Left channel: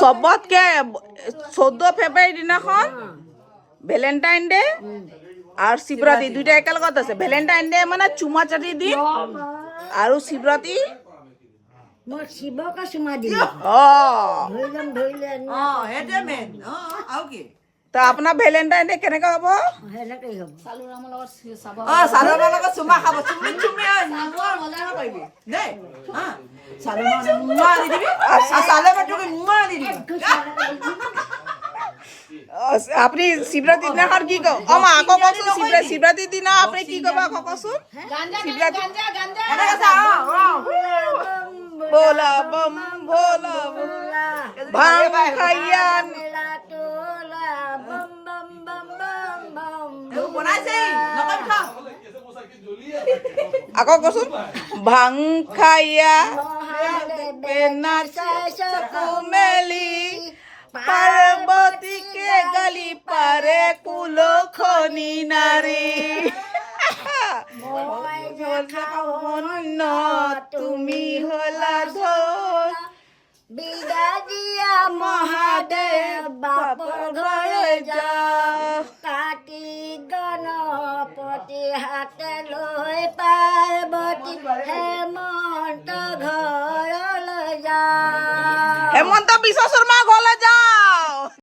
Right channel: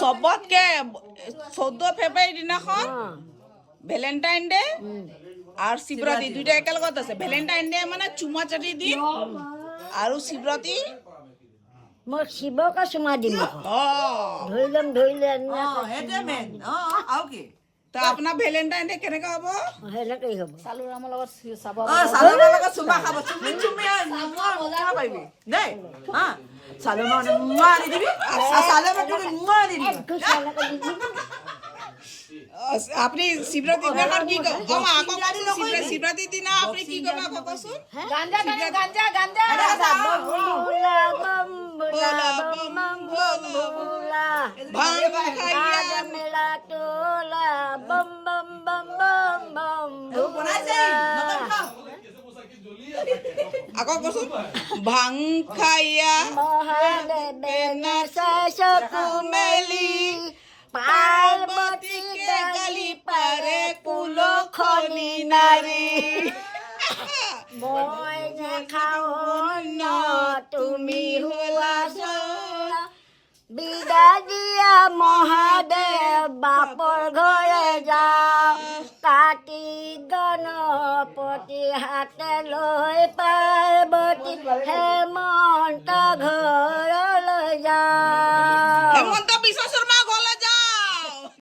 চবতকে 14 ফেব্ৰুৱাৰী দিনাখন Valentine day আৰু শিৱৰাত্ৰি দুইটা একেলগত আছে। ভেলেণ্টাইন ডে মানে চুমা চাটি দিম আৰু শিৱৰাত্ৰি মই শিৱকে চুমা দিম। সেইটোৱে মেইন। আৰু কি তা আপোনাৰ ভেলেণ্টাইন ডে কেনেকা হ'ব? সেনেকেই হ'ব। চালনৰ লগত চুমা খাব। চুমি চুমি পাৰিবি দেই। চালনৰ দি দিবি চালে দি দিবি। আপুনি শিৱৰাত্ৰিৰ দিনাখন কি কব? আকৌ কচোন শিৱৰাত্ৰিৰ দিনা আপুনি কি কব আকৌ কচোন? ভোলা বম ভোলা ভাং খাইয়া আকৌ কচোন ভাং খাইয়া মেলি পাৰ্বতীকে গালি পাৰে কুলখনি নাৰী। মই খাওঁ তুমি হলা বিদায় দিয়া মহাদেৱ বাপৰ ঘৰে যাওঁ। কাটি গণপতি হাতে লৈ পাৰ্বতী হেমন্ত ঘৰলৈ যাওঁ। হেমন্ত বিশ্ব শৰ্মা